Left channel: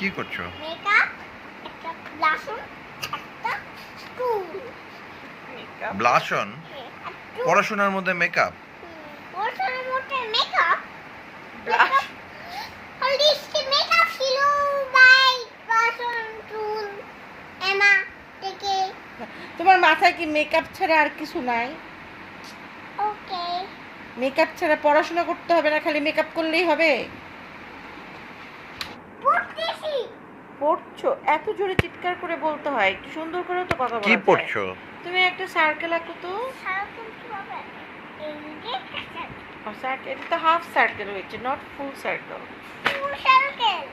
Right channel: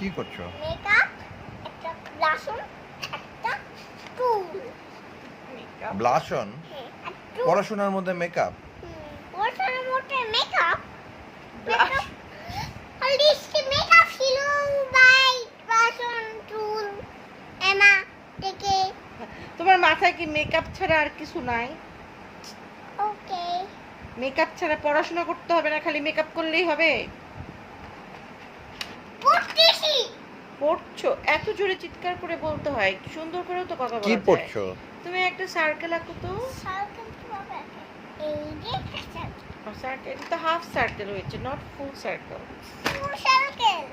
কি করছ? মেকআপ ব্লাশন একটা স্কুল ব্লাশন পড়াশোনার মধ্যে মেকআপ পড়াশোনার মধ্যে মেকআপ মেকআপ মেকআপ ছিল বাই ব্লাশন টুল এমা থেকে। তোমার মাথায় কি মেকআপ ছাড়া আর কিছু নাই? ওকে মেকআপ ছাড়া পড়াশোনা করতে হবে না খালি মেকআপ করলেই হবে? পড়তেছি। পড়ছো? এত জোরে চিৎকার করে বলতে হয়। একটু সুন্দর করেও তো কথা বলা কি যায়। পড়ছো? তুমি একটা সার্কেল আঁকো তো। সার্কেল কীভাবে আঁকে? এই যে একটা সার্কেল এটা তো হাফ সার্কেল হয়েছে not full circle full circle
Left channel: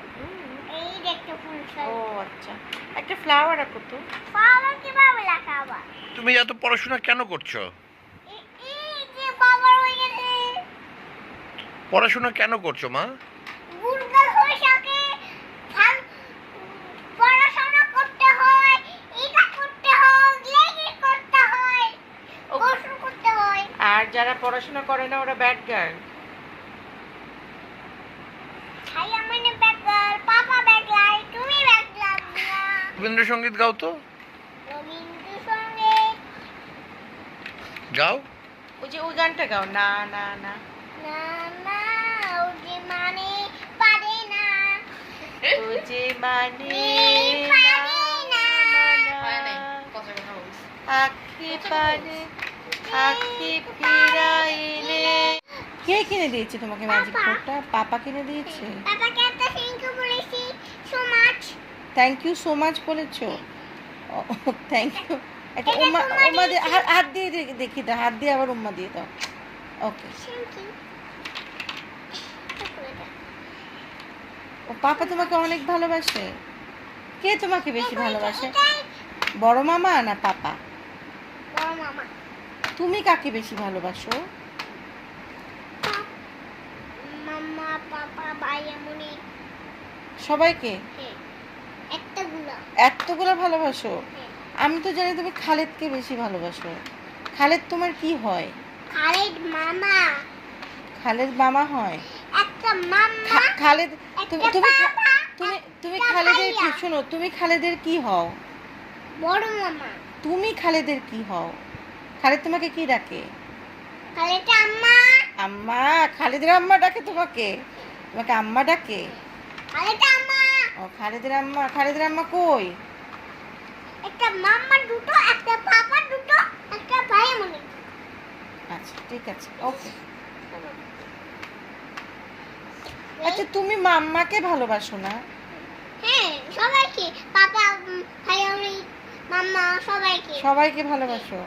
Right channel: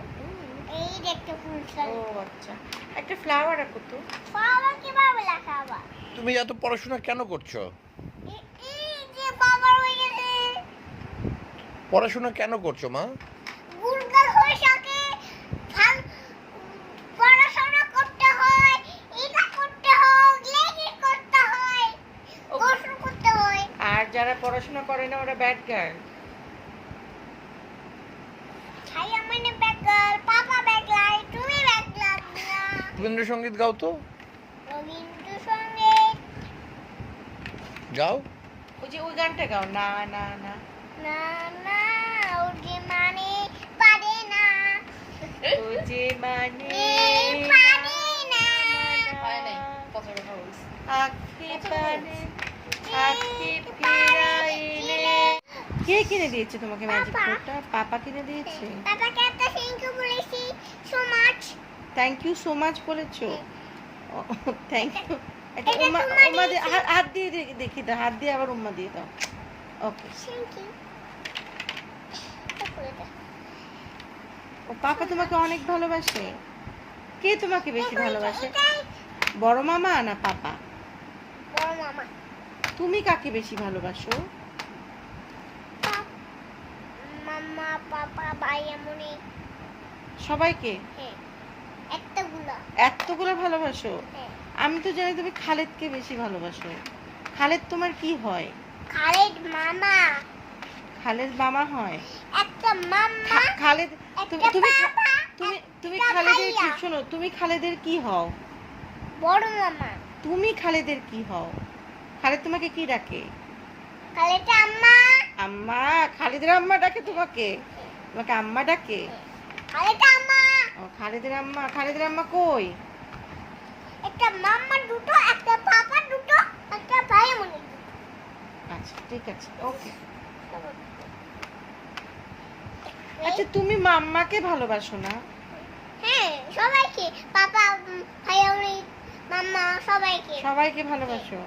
এই যে একটা ফুল ও সার্কেল আচ্ছা। একটা ফ্লাওয়ার আঁকো তো। ফ্লাওয়ার কীভাবে আবার তুমি এত পড়াশোনা কেন করছ? এই যে বাবার পড়াশোনা কেন করছ মা গুলগাল হয়ে থাকে ভালো পড়াশোনা করতে হয় এটা করতে হয় লেগে করতে হয় ও- গোসল করতে হয় আর যারা পড়াশোনা করে না ওরা ব্যাড গার্ল রবীন্দ্রসঙ্গীত গাও তো? গাও? ওই যে ওই গানটা গাও না না না। না না ও যে মানে পারে না। ও যে মানে এই পারে না। আখি পানে আখি কে কিনে দিয়েছে তোমাকে ম্যাজিক। ফোরটা পাপা কিনে দিয়েছে? পাপাকে একটা থ্যাংক ইউ বলেছি so much thank you so much বলেছ? থ্যাংক ইউ এটা উম্মা উম্মা দিয়ে। হাত- দিয়ে দেখি দাও হাত দিয়ে আবার উম্মা দিয়ে দাও। ওকে ও পাপা তোমাকে অনেক ভালোবাসে। কে তোমাকে বেশি ভালোবাসে? বড় মামা না পাপা? বড় মামা। তুমি কাকে বেশি ভালোবাসো? মামা পাপা ভাই এমনই। সবাইকে? হ্যাঁ এতগুলো ভালোবাসো? হ্যাঁ। আমি তো জানি তুমি খালেদকে বেশি ভালোবাসো। খালেদ তোমার কি হয়? খালেদ মামা। খালেদ মামা হয়? একটা মামা খালেদ তুমি তুমি তুমি তুমি খালেদের কি শোনো তুমি খালেদের কি হও? বড় মামা। তুমি খালেদের কি হও? খালেদ তোমাকে কি ডাকে? খালেদ আম্মা। আম্মা খালেদের আম্মা ডাকে তোমাকে? তোমাকে আম্মা ডাকে? ও খালেদের আম্মা খালেদের আম্মা কই? একটা মামা দুটো একটা পাপা দুটো একটা ভাই এমনই আচ্ছা ঠিক আছে ওকে। আচ্ছা তুমি মাম্মাকে ভালোবাসো না? হ্যাঁ সবাইকে। পাপা ভাই মাম্মা সবাইকে। সবাইকে ভালোবাসো?